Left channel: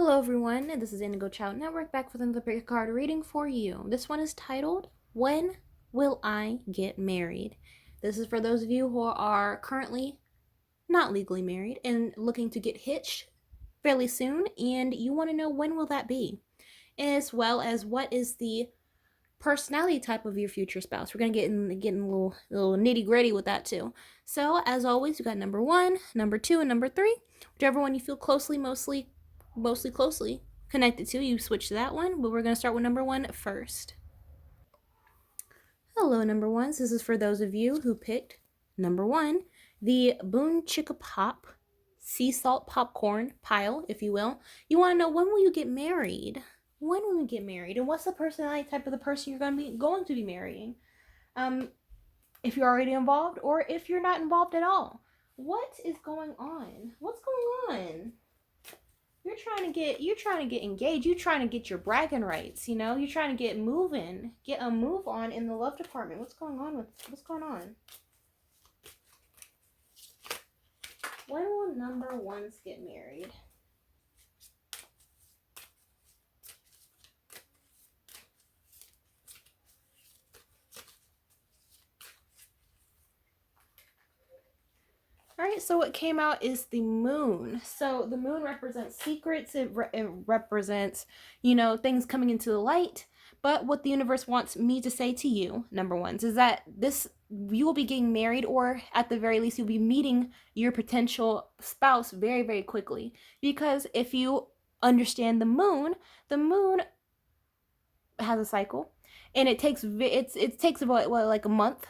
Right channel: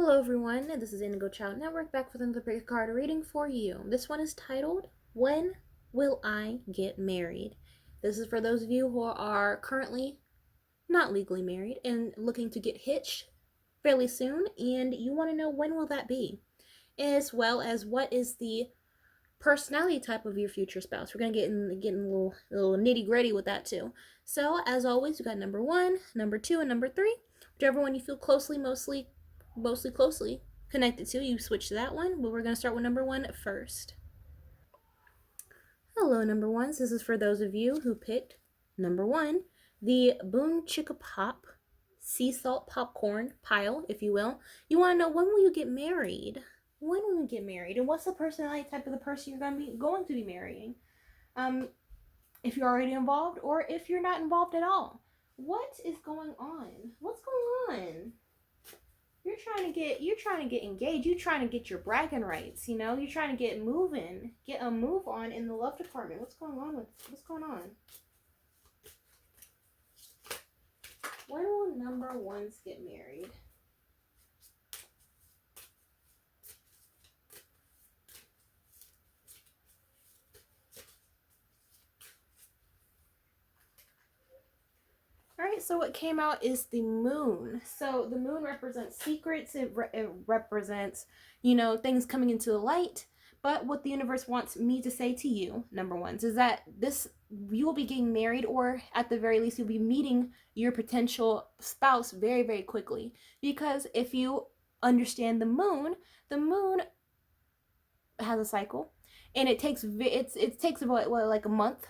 Hello everyone, this is Indigo.Network back with another card reading for you. This one is titled, When Will I Get Married? This is for those of you who are currently not legally married and looking to get hitched fairly soon, and you want to know when will that be, as well as what is the personality type of your future spouse. We're going to get in a little nitty gritty with that too. So as always, you got number 1, number 2, and number 3. Whichever one you feel mostly closely connected to, you switch to that one. But we're going to start with number 1 first. Hello, number 1s. This is for those of you who picked number 1, the Boon Chicka Pop sea salt popcorn pile, if you will. You want to know, when will you get married? When will you get married? And what's the personality type of the person you're going to be marrying? If you're already involved or if you're not involved at all. What is going on? What's going on? You're trying to get engaged. You're trying to get your bragging rights, You're trying to get moving. Get a move on in the love department. What's going on? When will number 1s get married? All right, so what came out is the moon. So the moon represents secrets. It represents, things coming into the light. But what the universe wants me to say to you, number 1s, is that you will be getting married, or at the very least, you'll be meeting your potential spouse very, very quickly. Because if you understand the moon has a cycle, and it takes about like a month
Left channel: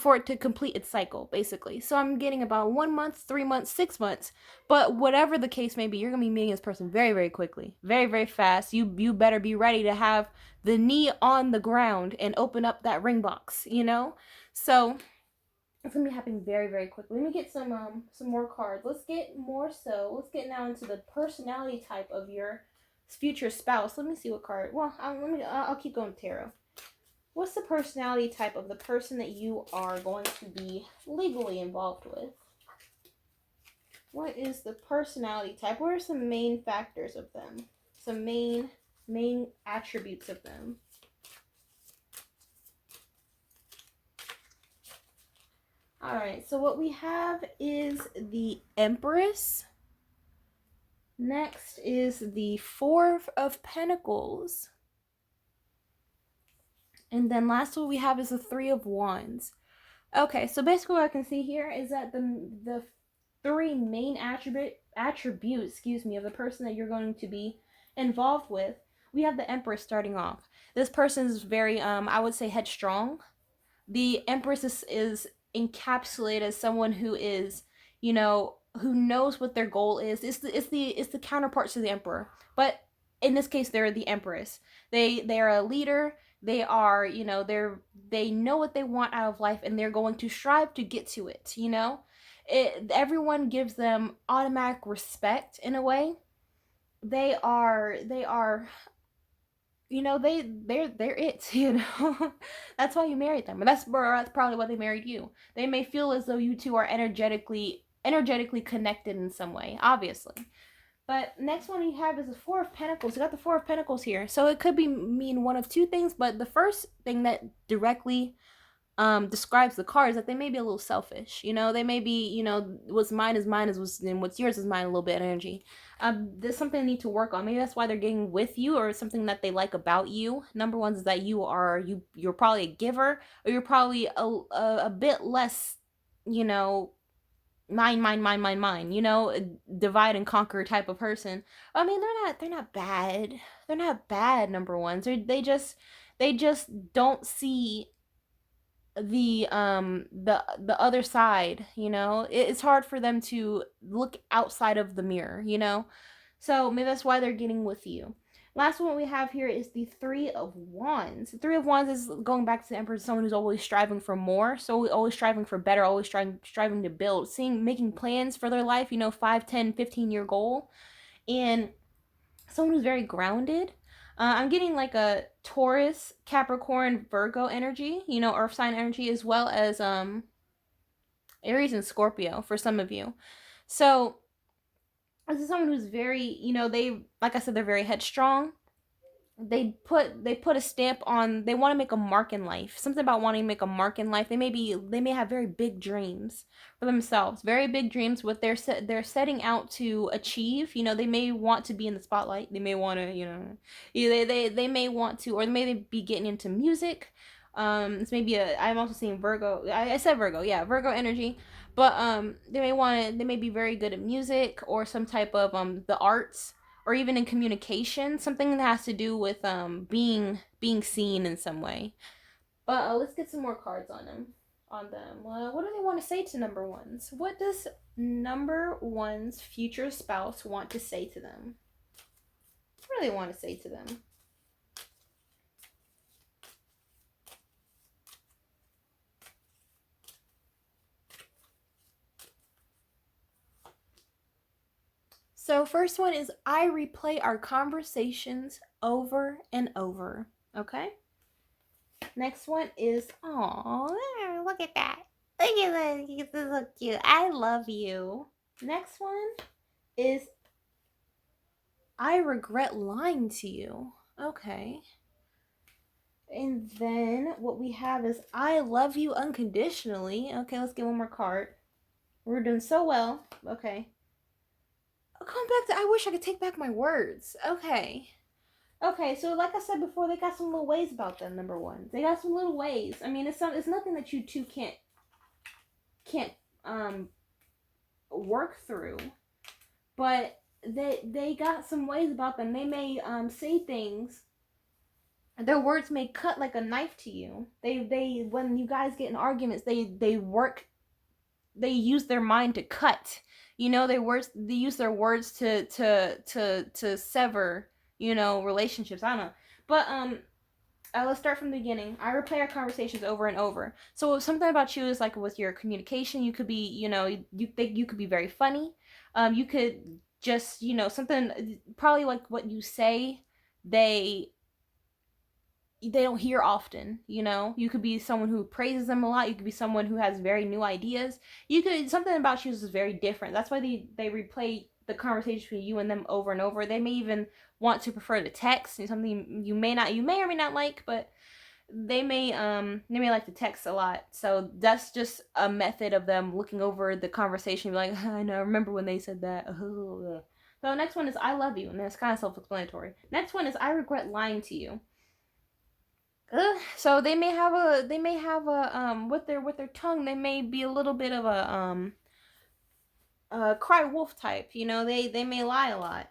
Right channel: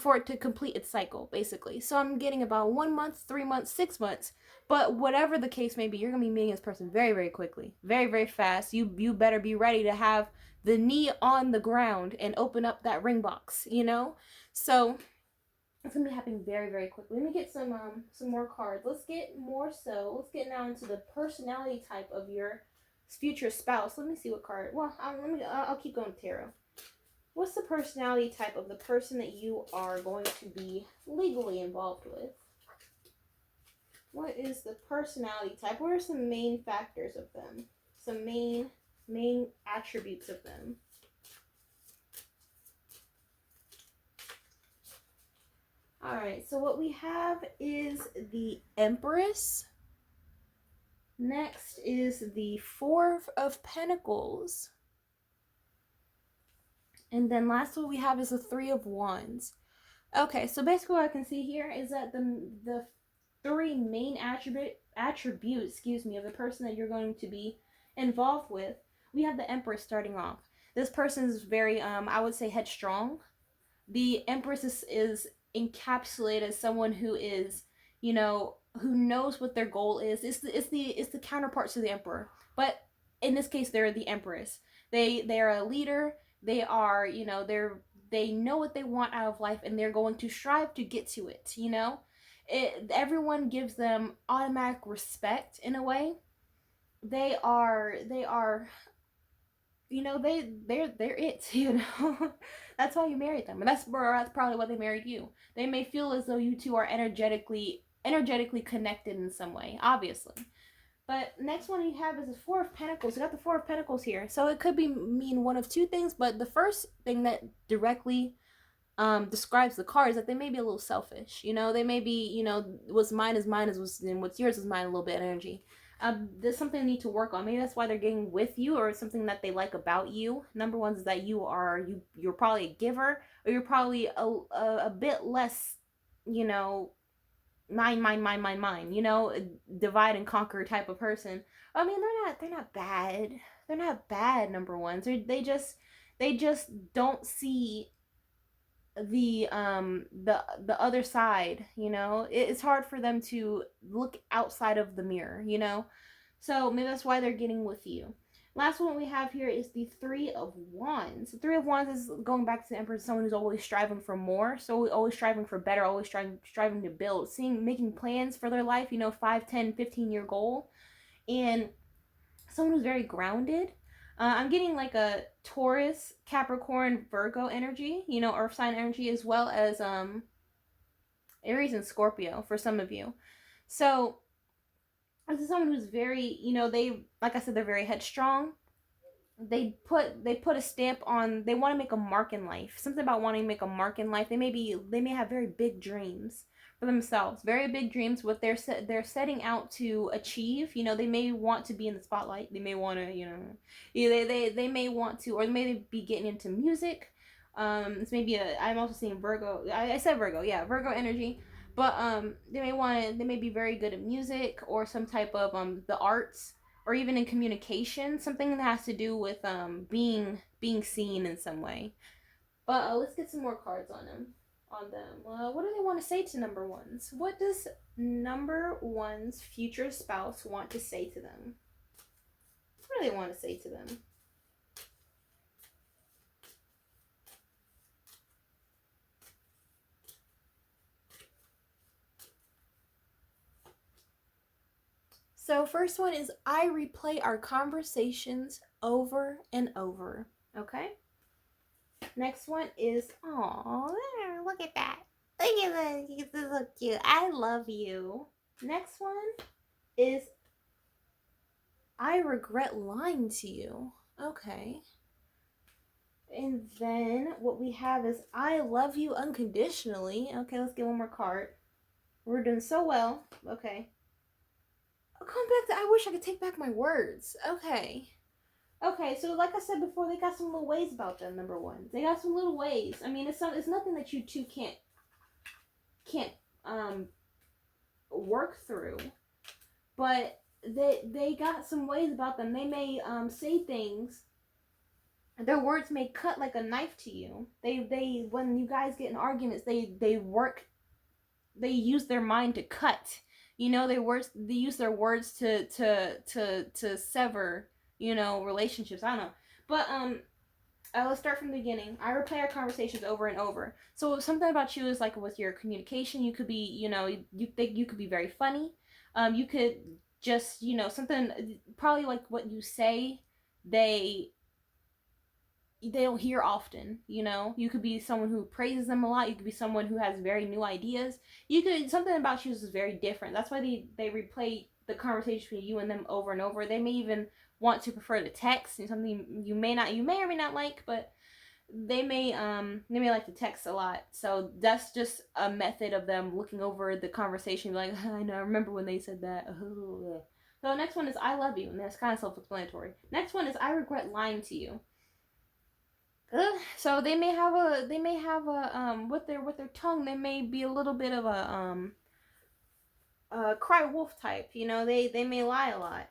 for it to complete its cycle, basically. So I'm getting about 1 month, 3 months, 6 months. But whatever the case may be, you're gonna be meeting this person very, very quickly, very, very fast. You better be ready to have the knee on the ground and open up that ring box, So it's gonna be happening very, very quickly. Let me get some more cards. Let's get now into the personality type of your future spouse. Let me see what card. Well, I'll keep going with tarot. What's the personality type of the person that you are going to be legally involved with? What is the personality type? What are some main factors of them? Some main attributes of them? All right, so what we have is the Empress. Next is the Four of Pentacles. And then last one we have is the Three of Wands. Okay, so basically what I can see here is that the three main attributes, of the person that you're going to be involved with, we have the Empress starting off. This person is very, I would say, headstrong. The Empress is encapsulated as someone who is, who knows what their goal is. It's the counterpart to the Emperor, but in this case, they're the Empress. They're a leader. They are, they know what they want out of life, and they're going to strive to get to it. Everyone gives them automatic respect in a way. They're it. That's why you married them, and that's probably why they married you. They may feel as though you two are energetically connected in some way, obviously. But next one you have is the Four of Pentacles. You got the Four of Pentacles here. So it could mean one of two things, but the first thing that directly describes the card is that they may be a little selfish. They may be, what's mine is mine, and what's yours is mine, a little bit of energy. There's something they need to work on. Maybe that's why they're getting with you, or something that they like about you. Number 1 is that you're probably a giver, or you're probably a bit less, mine, divide and conquer type of person. I mean, they're not bad. They're not bad, number 1s. They just don't see the other side. It's hard for them to look outside of the mirror. So maybe that's why they're getting with you. Last one we have here is the Three of Wands. The Three of Wands is going back to the Emperor, someone who's always striving for more, so always striving for better, always striving to build, making plans for their life, 5, 10, 15-year goal, and someone who's very grounded. I'm getting like a Taurus, Capricorn, Virgo energy, earth sign energy, as well as Aries and Scorpio for some of you. So This is someone who's very, they, like I said, they're very headstrong. They put a stamp on, they want to make a mark in life, something about wanting to make a mark in life. They may have very big dreams for themselves, very big dreams, what they're setting out to achieve. They may want to be in the spotlight, they may want to, they may want to, or they may be getting into music. It's maybe I'm also seeing Virgo. I said Virgo, yeah, Virgo energy. But they may be very good at music or some type of the arts, or even in communication, something that has to do with being seen in some way. But let's get some more cards on them. What do they want to say to number ones? What does number one's future spouse want to say to them? What do they want to say to them? So first one is, I replay our conversations over and over. Okay. Next one is, oh, look at that. Look at that. It's so cute. I love you. Next one is, I regret lying to you. Okay. And then what we have is, I love you unconditionally. Okay, let's get one more card. We're doing so well. Okay. I'll come back to, I wish I could take back my words. Okay. Okay, so like I said before, they got some little ways about them. Number one, they got some little ways. I mean, it's nothing that you two can't work through, but they got some ways about them. They may say things. Their words may cut like a knife to you. They when you guys get in arguments, they use their mind to cut. They use their words to sever, relationships. I don't know. But let's start from the beginning. I replay our conversations over and over. So something about you is like with your communication, you could be, you think you could be very funny. You could just, something probably like what you say, they don't hear often. You could be someone who praises them a lot. You could be someone who has very new ideas. You could, something about you is very different. That's why they replay the conversation between you and them over and over. They may even want to prefer to text, something you may or may not like, but they may like to text a lot. So that's just a method of them looking over the conversation, like, I know, I remember when they said that. So next one is, I love you, and that's kind of self-explanatory. Next one is, I regret lying to you. So they may have a with their tongue, they may be a little bit of a cry wolf type. They may lie a lot.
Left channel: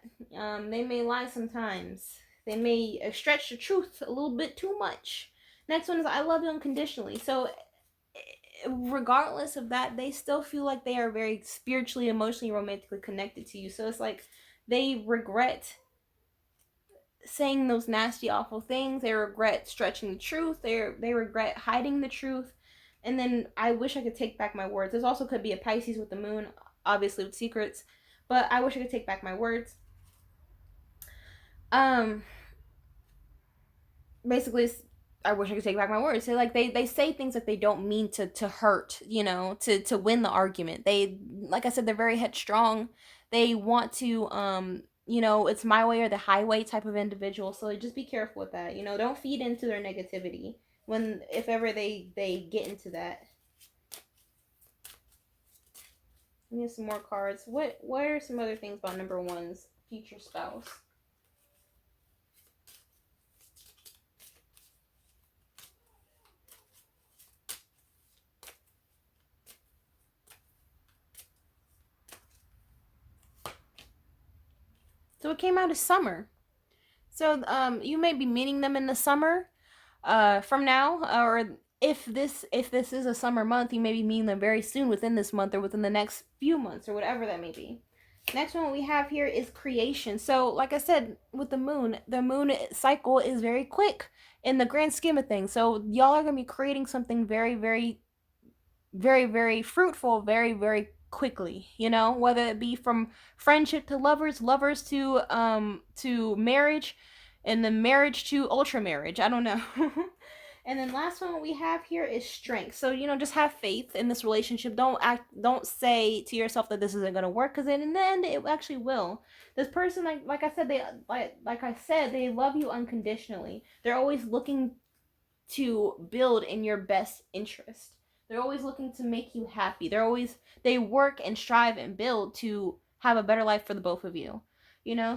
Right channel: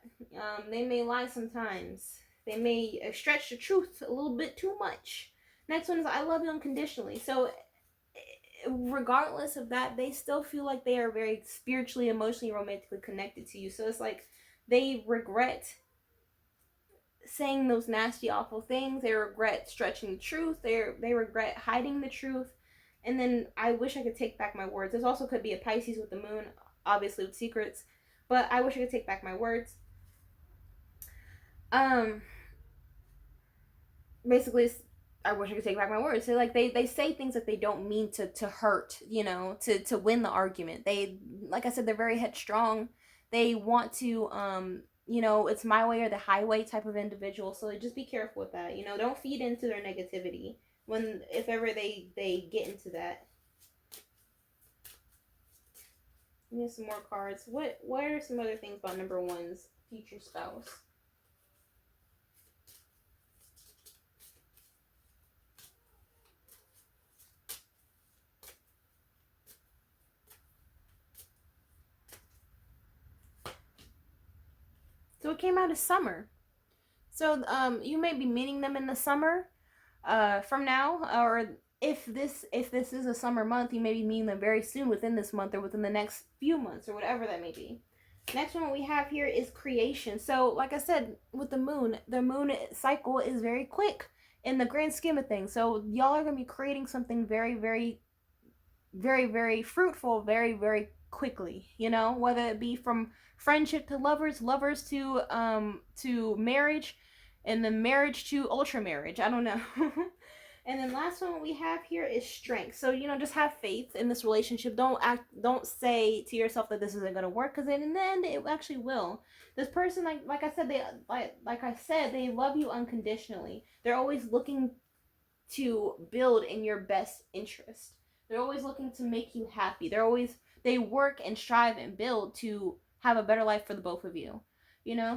They may lie sometimes. They may stretch the truth a little bit too much. Next one is, I love you unconditionally. So regardless of that, they still feel like they are very spiritually, emotionally, romantically connected to you. So it's like they regret saying those nasty, awful things. They regret stretching the truth. They regret hiding the truth. And then, I wish I could take back my words. This also could be a Pisces with the moon, obviously with secrets. But I wish I could take back my words. Basically, I wish I could take back my words. So like they say things that they don't mean to hurt, to win the argument. They, like I said, they're very headstrong. They want to it's my way or the highway type of individual. So just be careful with that. Don't feed into their negativity if ever they get into that. We have some more cards. What are some other things about number one's future spouse? So it came out as summer. So you may be meeting them in the summer from now, or if this is a summer month, you may be meeting them very soon, within this month or within the next few months, or whatever that may be. Next one we have here is creation. So like I said, with the moon cycle is very quick in the grand scheme of things. So y'all are going to be creating something very, very, very, very fruitful, very, very quickly, whether it be from friendship to lovers to marriage, and then marriage to ultra marriage. I don't know. And then last one we have here is strength. So, just have faith in this relationship. Don't say to yourself that this isn't going to work, because in the end it actually will. This person, like I said, they love you unconditionally. They're always looking to build in your best interest. They're always looking to make you happy. They work and strive and build to have a better life for the both of you.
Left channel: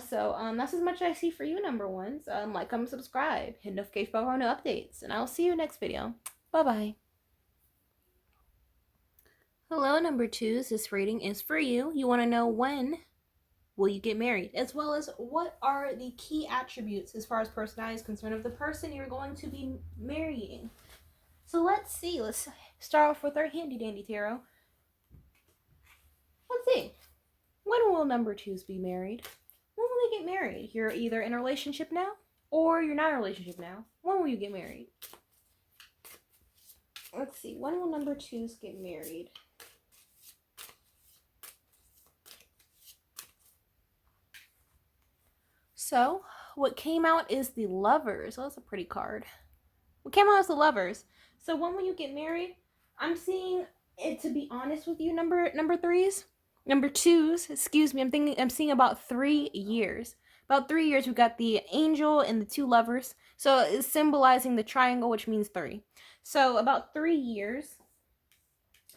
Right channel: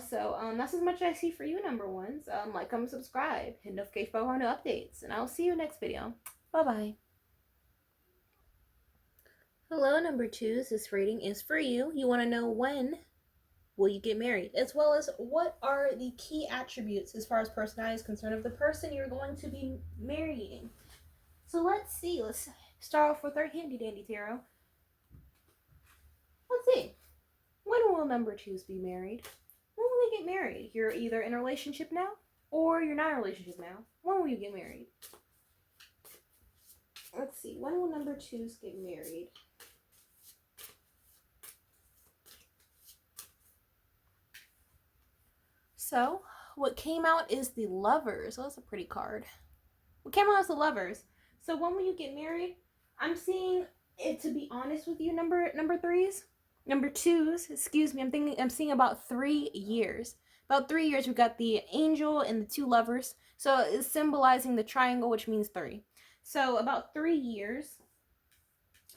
So that's as much as I see for you, number ones. Like, comment, subscribe, hit notification bell for new updates, and I'll see you next video. Bye bye. Hello, number twos. This reading is for you. You want to know when will you get married, as well as what are the key attributes as far as personality is concerned of the person you're going to be marrying. So let's see. Let's start off with our handy dandy tarot. Let's see. When will number twos be married? When will they get married? You're either in a relationship now, or you're not in a relationship now. When will you get married? Let's see. When will number twos get married? So, what came out is the Lovers. Oh, that's a pretty card. What came out is the Lovers. So, when will you get married? I'm seeing it, to be honest with you, number threes. Number twos, excuse me, I'm seeing about 3 years. About 3 years, we've got the Angel and the two Lovers. So, it's symbolizing the triangle, which means 3. So, about 3 years,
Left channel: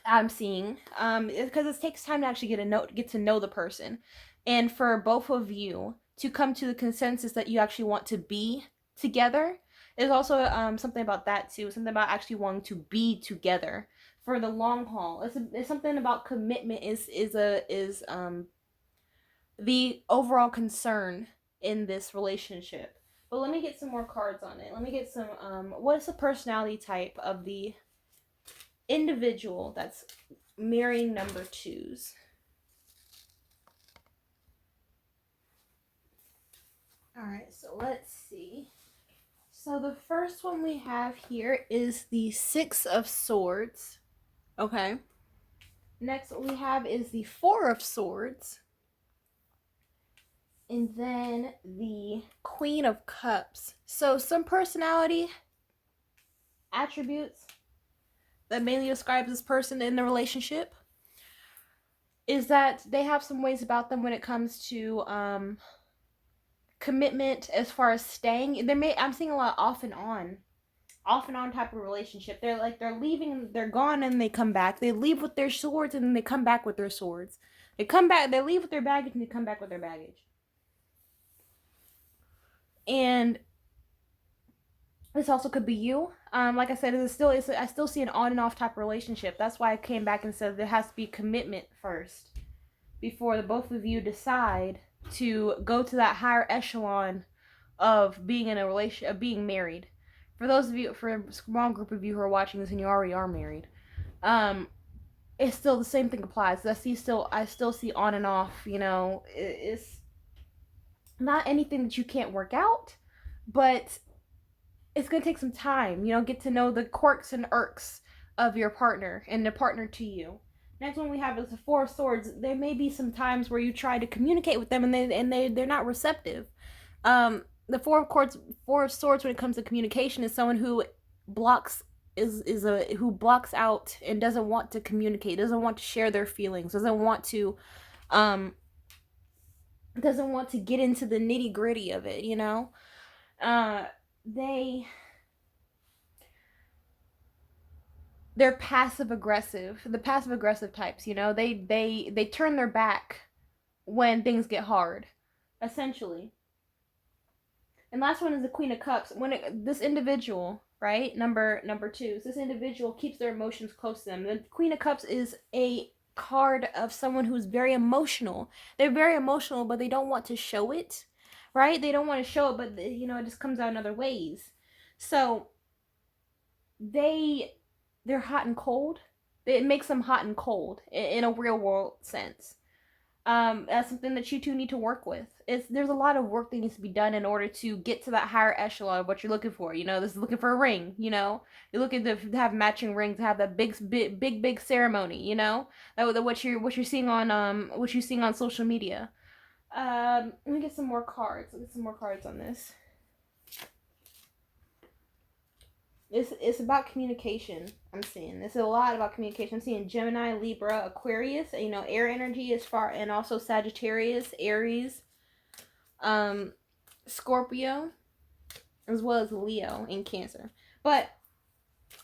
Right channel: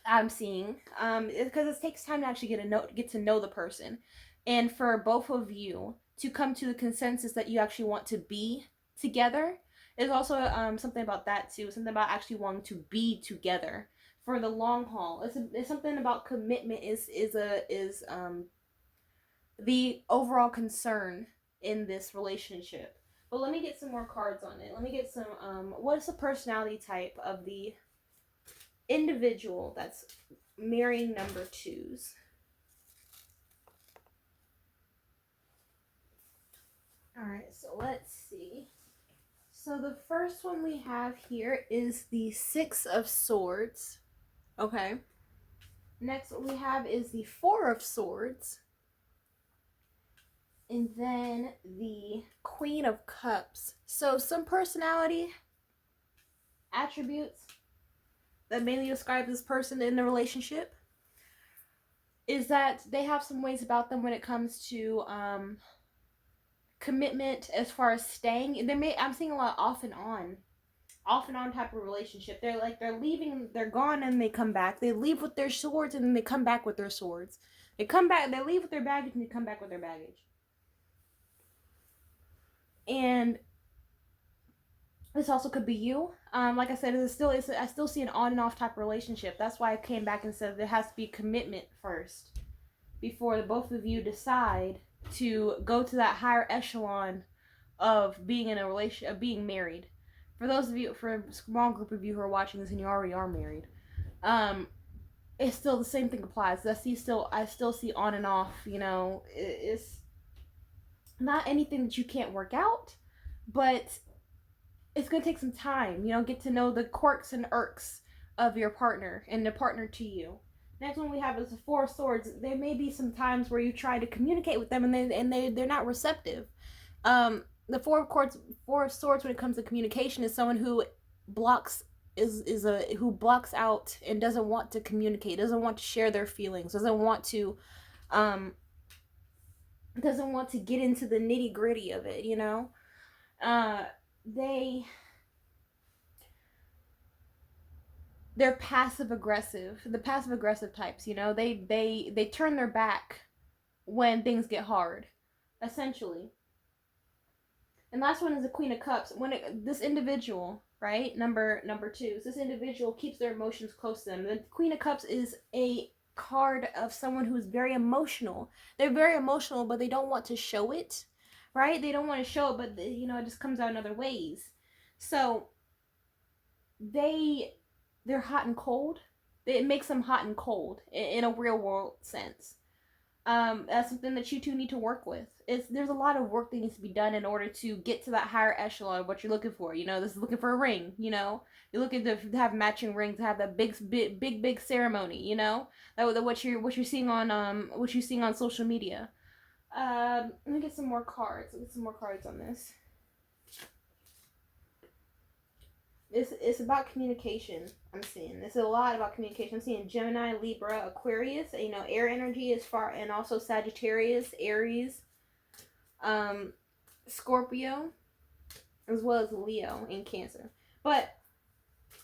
I'm seeing, because it takes time to actually get to know the person. And for both of you to come to the consensus that you actually want to be together. There's also something about that too. Something about actually wanting to be together for the long haul. It's something about commitment is the overall concern in this relationship. But let me get some more cards on it. Let me get some what's the personality type of the individual that's marrying number twos? Alright, so let's see. So the first one we have here is the Six of Swords. Okay. Next what we have is the Four of Swords. And then the Queen of Cups. So some personality attributes that mainly describes this person in the relationship is that they have some ways about them when it comes to commitment as far as staying. I'm seeing a lot off and on type of relationship. They're leaving, they're gone, and they come back. They leave with their swords and then they come back with their swords. They leave with their baggage and they come back with their baggage. And this also could be you. Like I said, I still see an on and off type relationship. That's why I came back and said there has to be commitment first before the both of you decide to go to that higher echelon of being in a relationship, of being married. For a small group of you who are watching this and you already are married, it's still the same thing applies. I still see on and off. It's not anything that you can't work out, but it's gonna take some time. Get to know the quirks and irks of your partner and the partner to you. Next one we have is the Four of Swords. There may be some times where you try to communicate with them and they're not receptive. The Four of Swords when it comes to communication is someone who blocks who blocks out and doesn't want to communicate, doesn't want to share their feelings, doesn't want to get into the nitty-gritty of it. They're passive aggressive. The passive aggressive types, they turn their back when things get hard, essentially. And last one is the Queen of Cups. This individual, right, number two, this individual keeps their emotions close to them. The Queen of Cups is a card of someone who's very emotional. They're very emotional, but they don't want to show it, right? They don't want to show it, but it just comes out in other ways. So they're hot and cold. It makes them hot and cold in a real world sense. That's something that you two need to work with. There's a lot of work that needs to be done in order to get to that higher echelon of what you're looking for. This is looking for a ring. You're looking to have matching rings, to have that big ceremony. What you're seeing on social media. Let me get some more cards. Let's get some more cards on this. It's about communication. I'm seeing it's a lot about communication. I'm seeing Gemini, Libra, Aquarius. You know, air energy as far, and also Sagittarius, Aries, um, Scorpio, as well as Leo and Cancer. But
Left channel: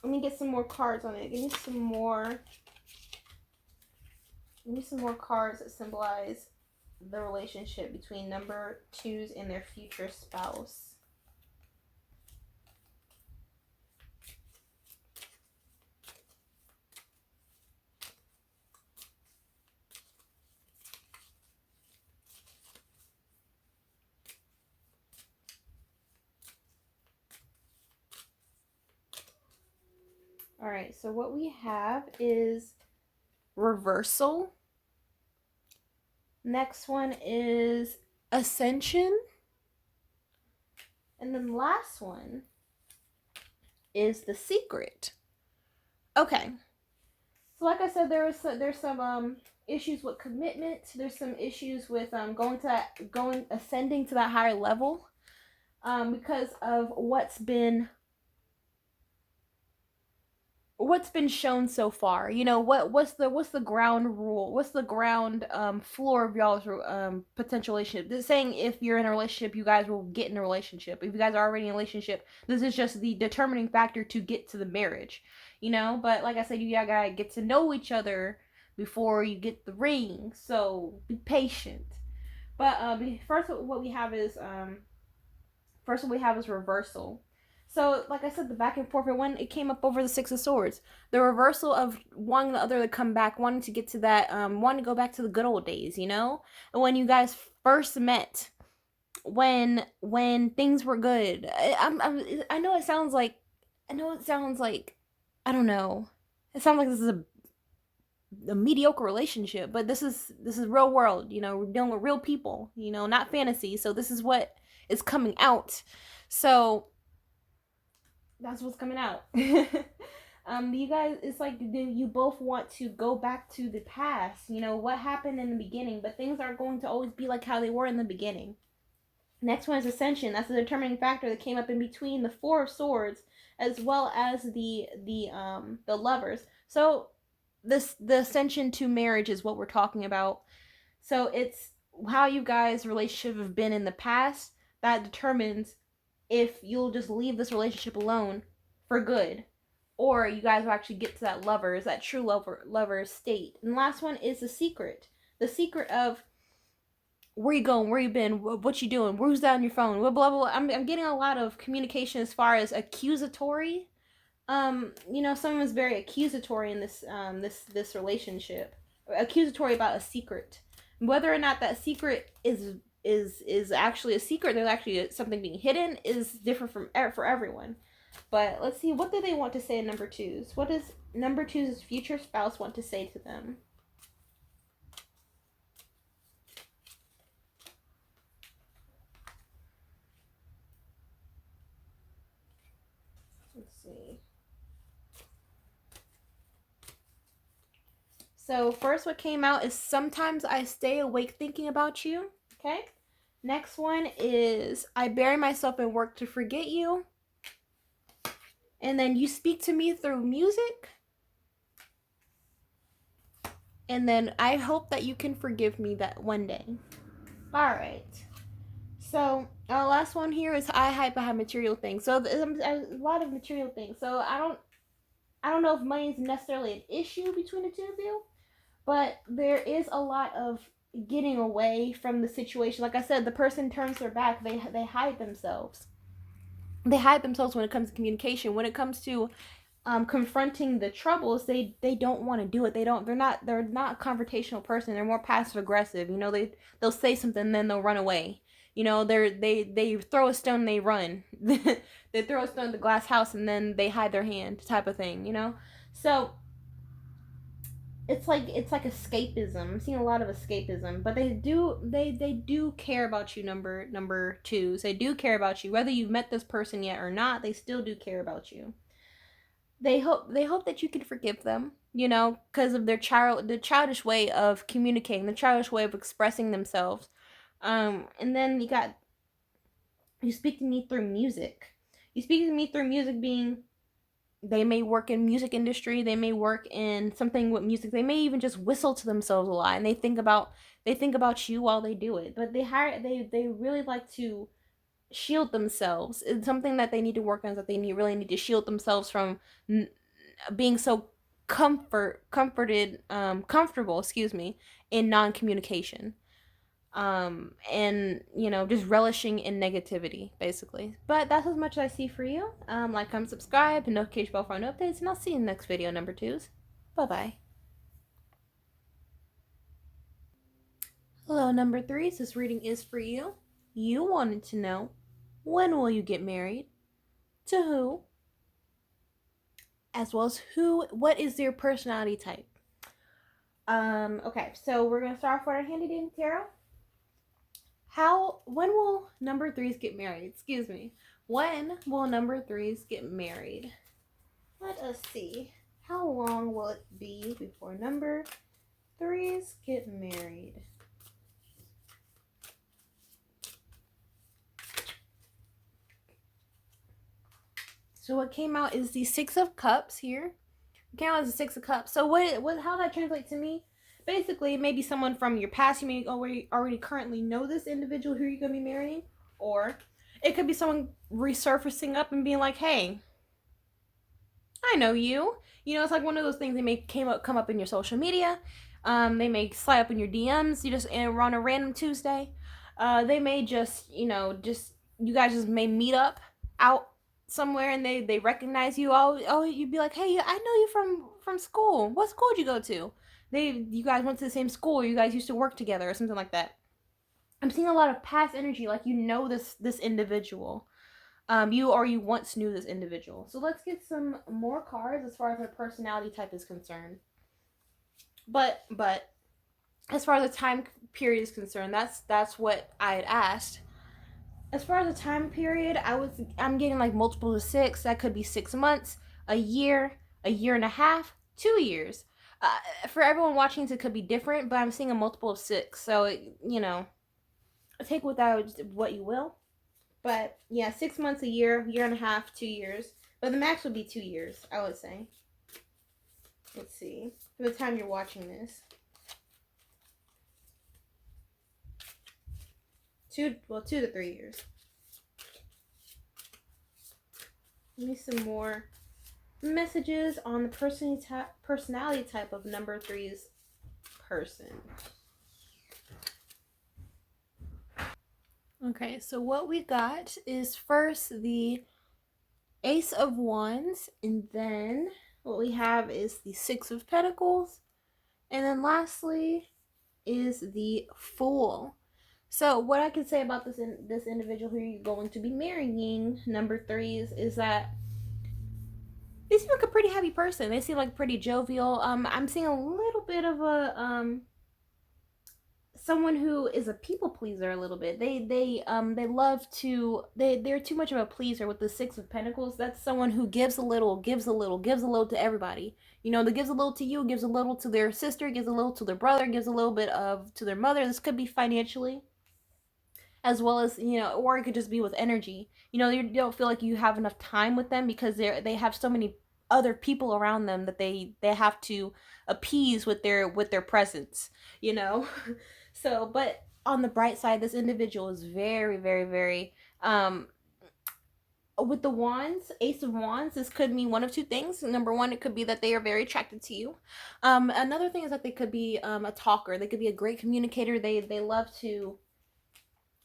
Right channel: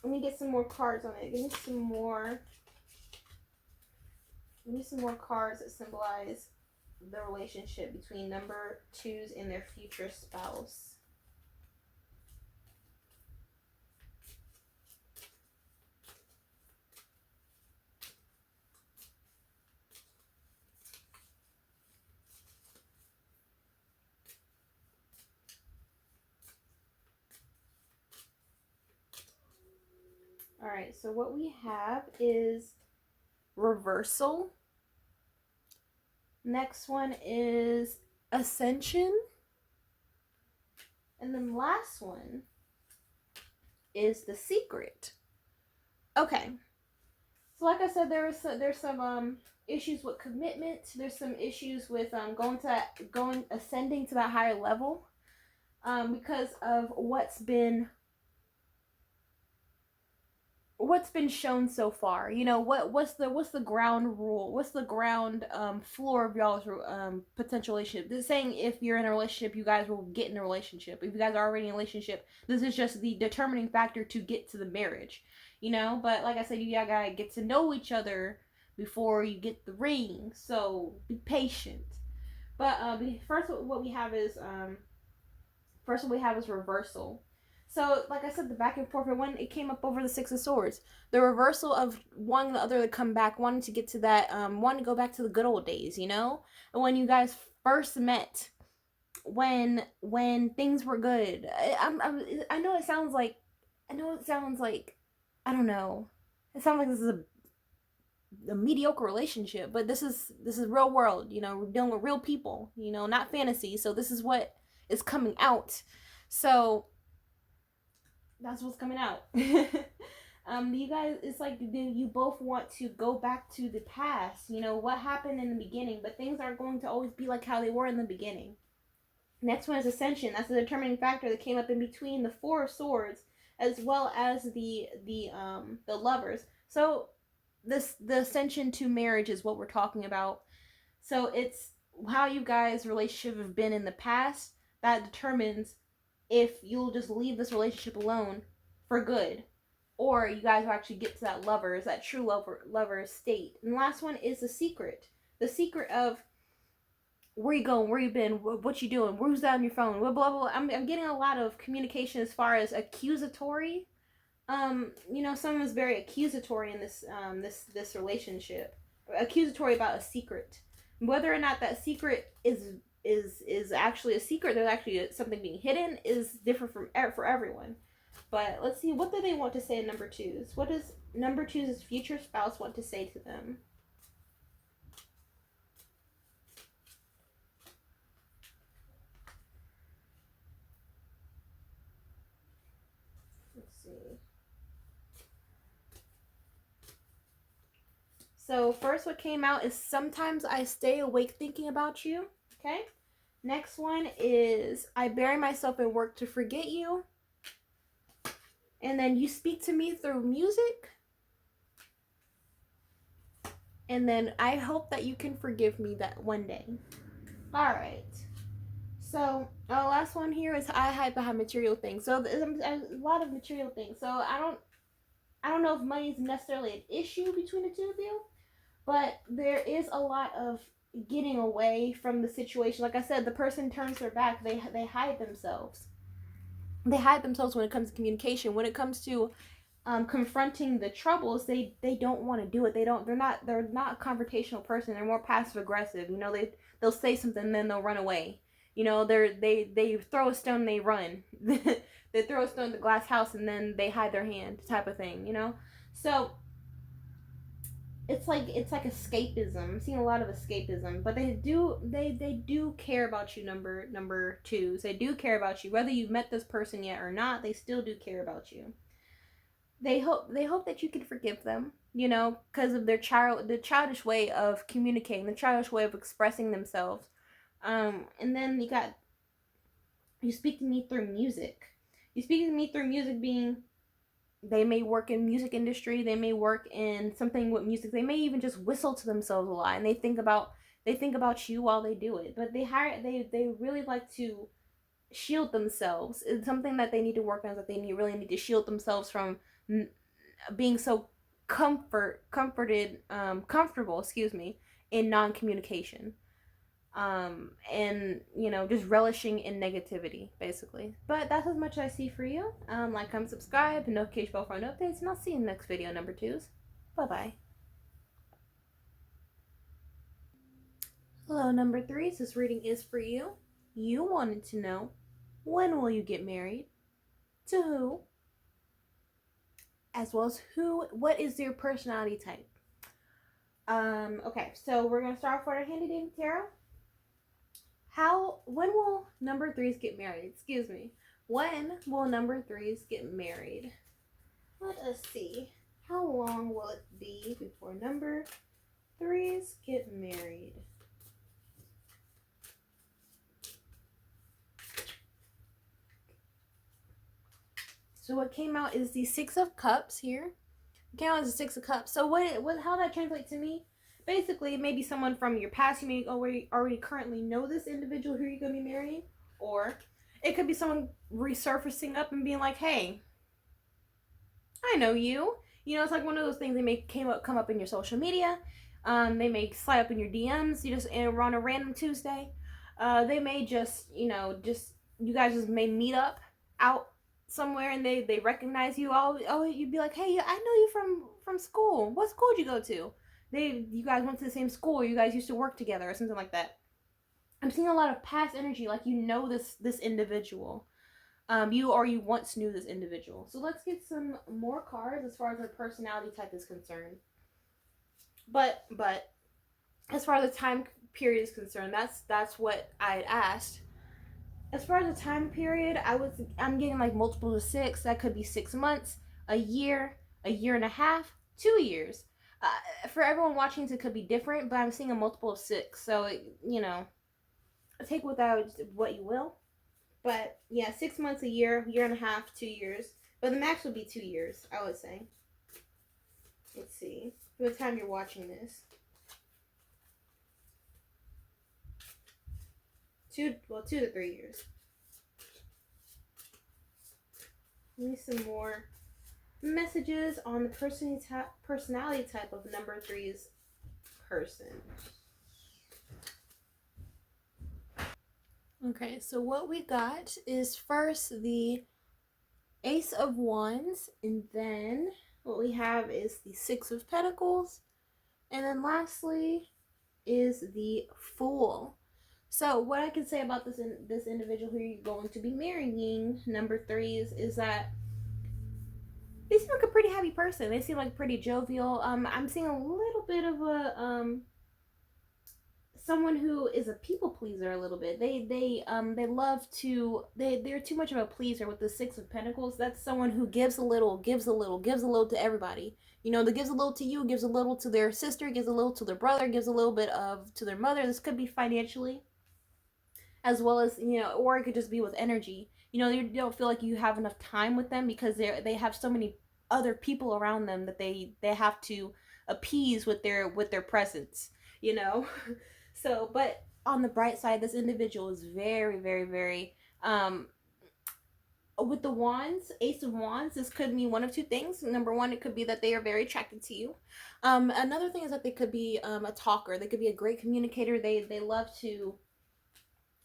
let me get some more cards on it. Give me some more. Give me some more cards that symbolize the relationship between number twos and their future spouse. All right, so what we have is reversal. Next one is ascension. And then the last one is the secret. Okay. So like I said, there's some issues with commitment. There's some issues with ascending to that higher level because of what's been shown so far. You know, what's the ground rule? What's the ground floor of y'all's potential relationship? This is saying if you're in a relationship, you guys will get in a relationship. If you guys are already in a relationship, this is just the determining factor to get to the marriage. You know, but like I said, you gotta get to know each other before you get the ring. So be patient. But first what we have is reversal. So, like I said, the back and forth, it came up over the Six of Swords. The reversal of wanting the other to come back, wanting to get to that, wanting to go back to the good old days, you know? And when you guys first met, when things were good. I know it sounds like, I don't know. It sounds like this is a mediocre relationship, but this is real world, you know, we're dealing with real people, you know, not fantasy. So this is what is coming out. So that's what's coming out. You guys, it's like you both want to go back to the past, you know, what happened in the beginning, but things aren't going to always be like how they were in the beginning. Next one is ascension. That's the determining factor that came up in between the Four of Swords as well as the lovers. So the ascension to marriage is what we're talking about. So it's how you guys' relationship have been in the past that determines if you'll just leave this relationship alone for good, or you guys will actually get to that true lover state. And the last one is the secret. The secret of where you going, where you been, what you doing, who's that on your phone, blah blah blah. I'm getting a lot of communication as far as accusatory. You know, someone was very accusatory in this relationship, accusatory about a secret. Whether or not that secret is actually a secret, there's actually something being hidden, is different for everyone. But let's see, what do they want to say in number twos? What does number two's future spouse want to say to them? Let's see. So first what came out is sometimes I stay awake thinking about you. Okay. Next one is I bury myself in work to forget you. And then you speak to me through music. And then I hope that you can forgive me that one day. All right. So our last one here is I have material things. So a lot of material things. So I don't know if money is necessarily an issue between the two of you, but there is a lot of getting away from the situation. Like I said, the person turns their back. They hide themselves. They hide themselves when it comes to communication. When it comes to confronting the troubles, they don't want to do it. They're not a confrontational person. They're more passive aggressive. You know, they'll say something and then they'll run away. You know, they throw a stone and they run. They throw a stone at the glass house and then they hide their hand, type of thing. You know, so it's like escapism. I'm seeing a lot of escapism, but they do care about you. Number twos, they do care about you, whether you've met this person yet or not. They still do care about you. They hope that you can forgive them, you know, because of the childish way of communicating, the childish way of expressing themselves. And then you speak to me through music. You speak to me through music being They may work in music industry, they may work in something with music, they may even just whistle to themselves a lot, and they think about you while they do it. But they really like to shield themselves. It's something that they need to work on, that they really need to shield themselves from being so comfortable, excuse me, in non-communication, and just relishing in negativity, basically. But that's as much as I see for you. Like, comment, subscribe, and notification bell for new updates, and I'll see you in the next video, number twos. Bye bye. Hello, number threes. This reading is for you. You wanted to know, when will you get married, to who, as well as what is their personality type. Okay, so we're gonna start off with our handy dandy tarot. When will number threes get married? Excuse me. When will number threes get married? Let us see. How long will it be before number threes get married? So what came out is the Six of Cups here. It came out as the Six of Cups. So how that translates to me? Basically, maybe someone from your past, you may already currently know this individual who you're going to be marrying. Or it could be someone resurfacing up and being like, hey, I know you. It's like one of those things. They may come up in your social media. They may slide up in your DMs. You just on a random Tuesday. They may just you guys just may meet up out somewhere, and they recognize you. Oh, you'd be like, hey, I know you from school. What school did you go to? You guys went to the same school, or you guys used to work together, or something like that. I'm seeing a lot of past energy, like this individual. You once knew this individual. So let's get some more cards as far as their personality type is concerned. But as far as the time period is concerned, that's what I had asked. As far as the time period, I'm getting like multiple of 6. That could be 6 months, a year and a half, 2 years. For everyone watching, it could be different, but I'm seeing a multiple of 6. So take with that what you will. But yeah, 6 months, a year and a half, 2 years. But the max would be 2 years, I would say. Let's see. For the time you're watching this. 2 to 3 years. Give me some more messages on the personality type of number 3's person. Okay, so what we got is first the Ace of Wands, and then what we have is the Six of Pentacles, and then lastly is the Fool. So what I can say about this individual who you're going to be marrying, number 3's, is that they seem like a pretty happy person. They seem like pretty jovial. I'm seeing a little bit of a someone who is a people pleaser a little bit. They love to they're too much of a pleaser with the Six of Pentacles. That's someone who gives a little to everybody. That gives a little to you, gives a little to their sister, gives a little to their brother, gives a little bit to their mother. This could be financially, as well as or it could just be with energy. You don't feel like you have enough time with them because they have so many other people around them that they have to appease with their presence. So, but on the bright side, this individual is very, very, very with the wands, Ace of Wands, this could mean one of two things. Number one, it could be that they are very attracted to you. Another thing is that they could be a talker. They could be a great communicator. They love to,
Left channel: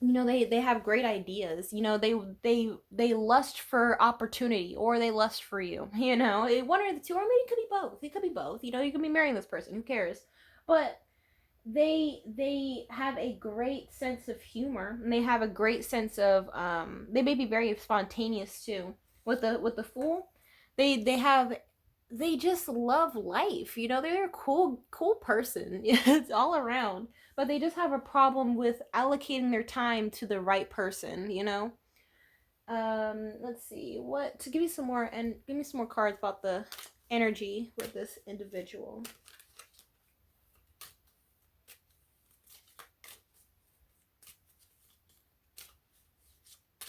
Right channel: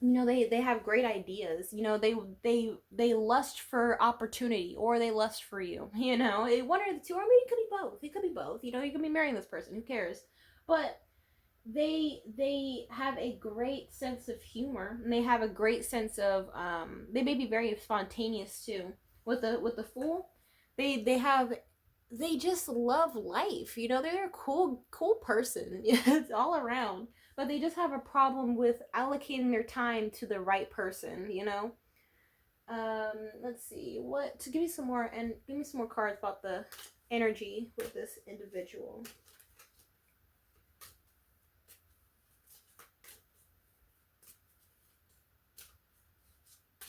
they have great ideas. They lust for opportunity, or they lust for you. One or the two, or maybe it could be both. It could be both. You could be marrying this person. Who cares? But they have a great sense of humor, and they have a great sense of they may be very spontaneous too. With the Fool, they just love life. They're a cool person. It's all around, but they just have a problem with allocating their time to the right person. Let's see, give me some more cards about the energy with this individual.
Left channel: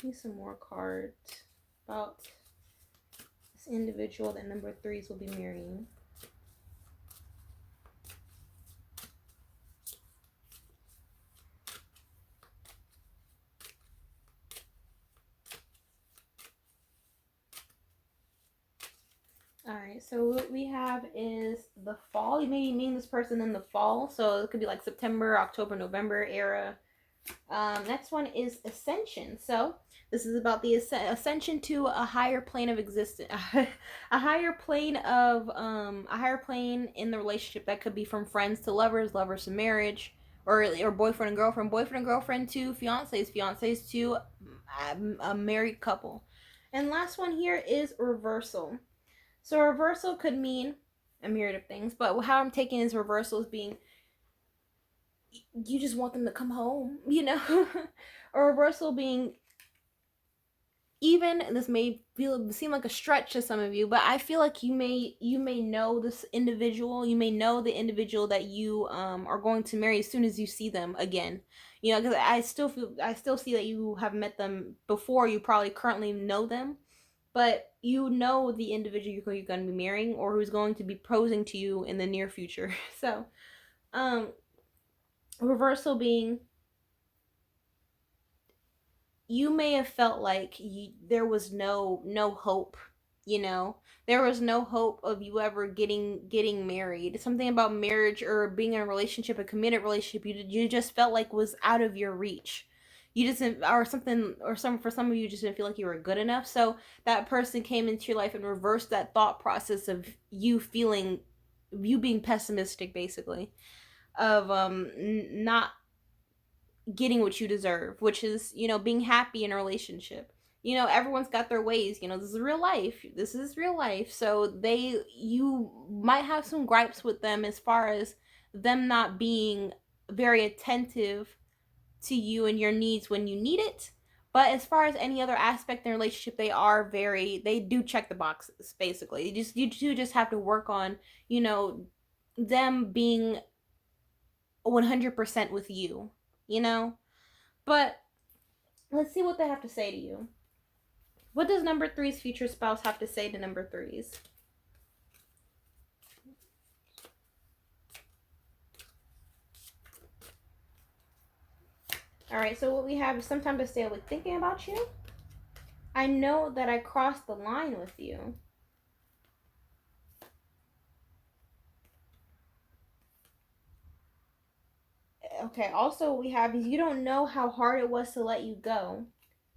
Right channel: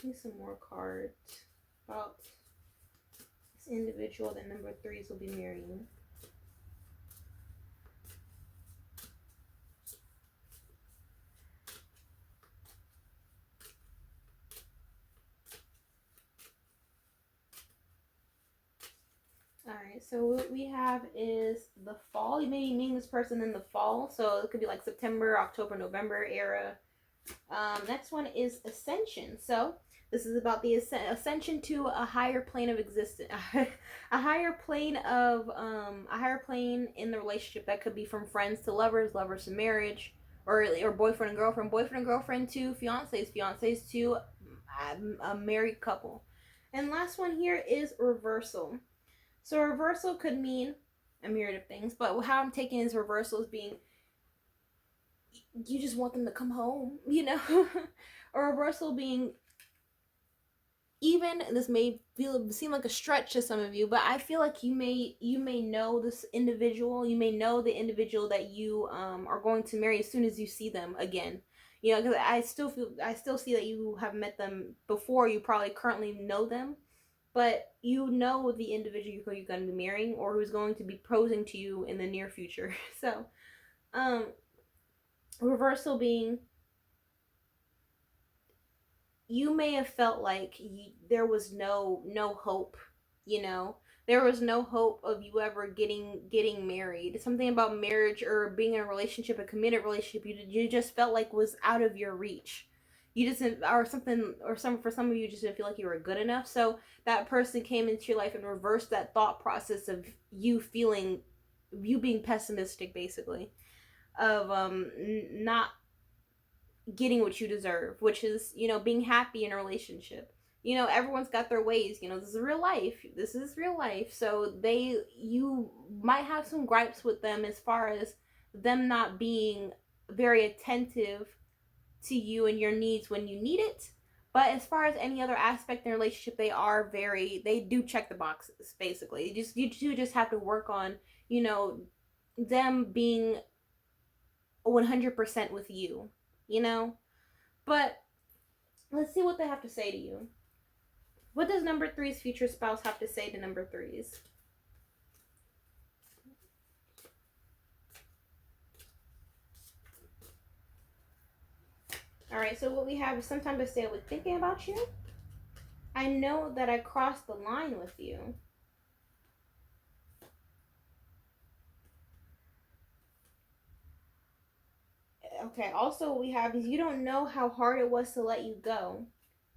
Give me some more cards about individual that number threes will be marrying. Alright, so what we have is the fall. You may meet this person in the fall, so it could be like September, October, November era. Next one is ascension. So this is about the ascension to a higher plane of existence, a higher plane in the relationship. That could be from friends to lovers, lovers to marriage, or boyfriend and girlfriend to fiancés to a married couple. And last one here is reversal. So reversal could mean a myriad of things, but how I'm taking is reversal as being you just want them to come home, you know? Or reversal being, even this may seem like a stretch to some of you, but I feel like you may know this individual. You may know the individual that you are going to marry as soon as you see them again. You know, because I still see that you have met them before. You probably currently know them, but you know the individual you're going to be marrying or who's going to be proposing to you in the near future. So, reversal being, you may have felt like there was no hope, you know, there was no hope of you ever getting married. Something about marriage or being in a relationship, a committed relationship, you just felt like was out of your reach. You just didn't, or something, or some for some of you just didn't feel like you were good enough. So that person came into your life and reversed that thought process of you feeling, you being pessimistic, basically, of not getting what you deserve, which is, you know, being happy in a relationship. You know, everyone's got their ways. You know, this is real life. This is real life. So you might have some gripes with them as far as them not being very attentive to you and your needs when you need it. But as far as any other aspect in a relationship, they do check the boxes, basically. You do just have to work on, you know, them being 100% with you, you know? But let's see what they have to say to you. What does number three's future spouse have to say to number threes? All right, so what we have is some time to stay awake thinking about you. I know that I crossed the line with you. Okay, also we have is you don't know how hard it was to let you go.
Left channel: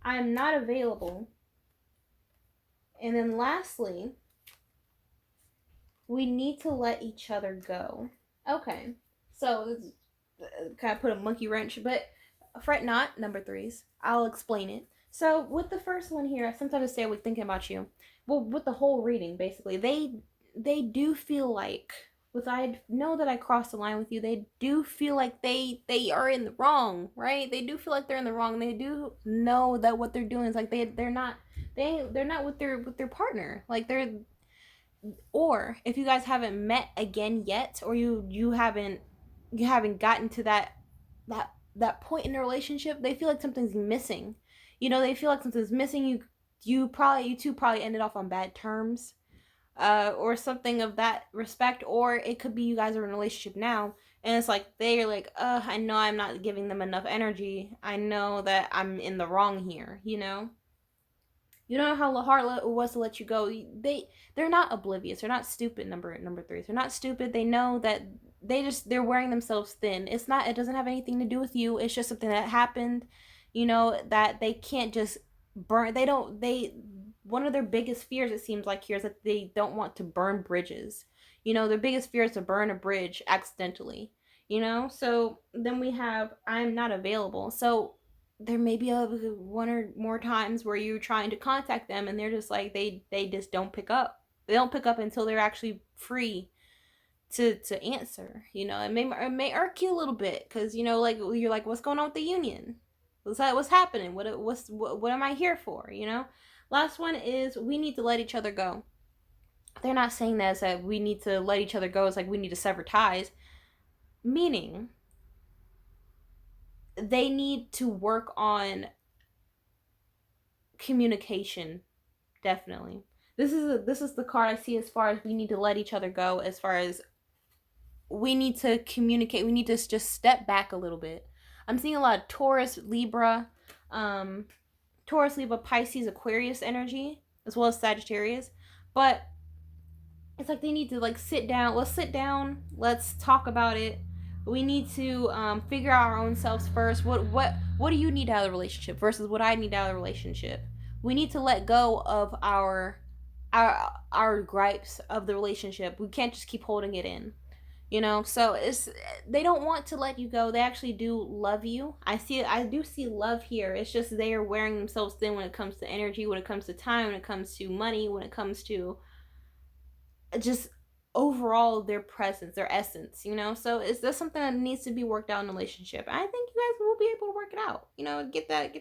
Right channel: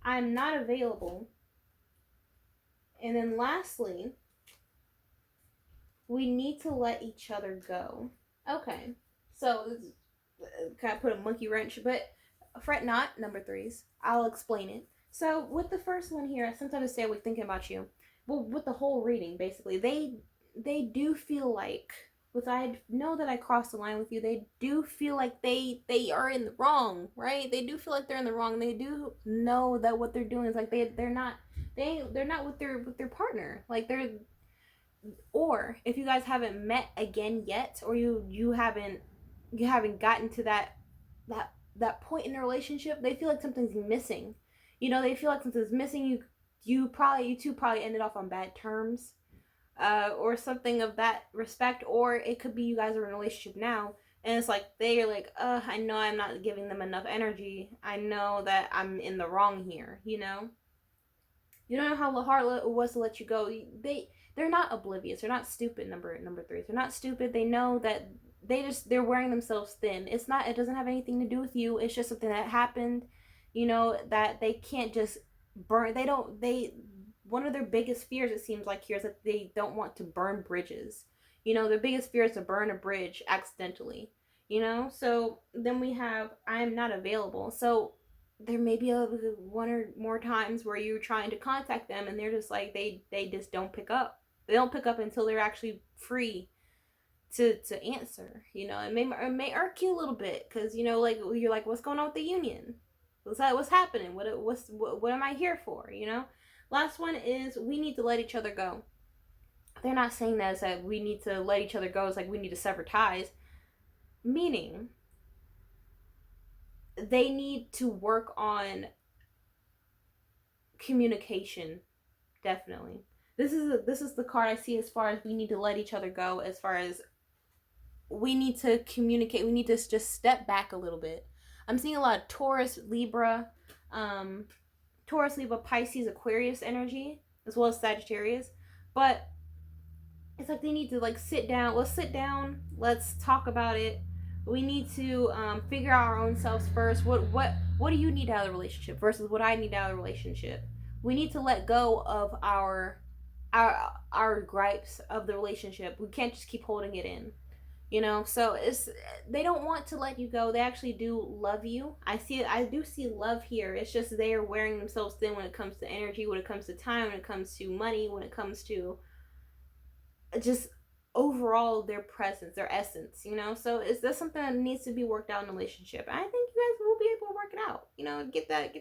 I'm not available. And then lastly, we need to let each other go. Okay, so kind of put a monkey wrench, but fret not, number threes. I'll explain it. So with the first one here, I sometimes say I was thinking about you. Well, with the whole reading, basically, they do feel like, with I know that I crossed the line with you, they do feel like they are in the wrong, right? They do feel like they're in the wrong. They do know that what they're doing is like they're not with their partner. Like they're, or if you guys haven't met again yet, or you haven't gotten to that point in a relationship, they feel like something's missing. You know, they feel like something's missing. You two probably ended off on bad terms, or something of that respect. Or it could be you guys are in a relationship now, and it's like they're like, I know I'm not giving them enough energy. I know that I'm in the wrong here. You know how hard it was to let you go. They're not oblivious. They're not stupid. Number threes. They're not stupid. They know that they're wearing themselves thin. It doesn't have anything to do with you. It's just something that happened. You know, that they can't just burn. One of their biggest fears, it seems like here, is that they don't want to burn bridges. You know, their biggest fear is to burn a bridge accidentally. You know, so then we have I'm not available. So there may be one or more times where you're trying to contact them and they're just like they just don't pick up. They don't pick up until they're actually free to answer. You know, it may irk you a little bit because, you know, like you're like, what's going on with the union? What's happening? What am I here for? You know. Last one is we need to let each other go. They're not saying that as that we need to let each other go. It's like we need to sever ties. Meaning they need to work on communication. Definitely, this is the card I see as far as we need to let each other go, as far as we need to communicate, we need to just step back a little bit. I'm seeing a lot of Taurus, Libra, um, Taurus, Libra, Pisces, Aquarius energy, as well as Sagittarius. But it's like they need to like sit down. Let's sit down. Let's talk about it. We need to figure out our own selves first. What do you need out of the relationship versus what I need out of the relationship? We need to let go of our gripes of the relationship. We can't just keep holding it in. You know, so it's they don't want to let you go. They actually do love you. I do see love here. It's just they are wearing themselves thin when it comes to energy, when it comes to time, when it comes to money, when it comes to just overall their presence, their essence, you know. So is this something that needs to be worked out in a relationship? And I think you guys will be able to work it out. You know, get that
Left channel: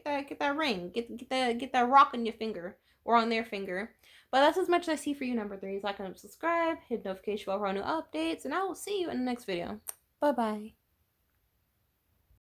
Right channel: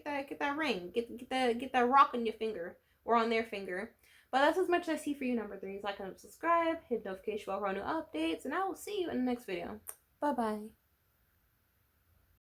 ring, get that rock on your finger or on their finger. But that's as much as I see for you, number three. Like and subscribe, hit notification bell for new updates, and I will see you in the next video. Bye bye.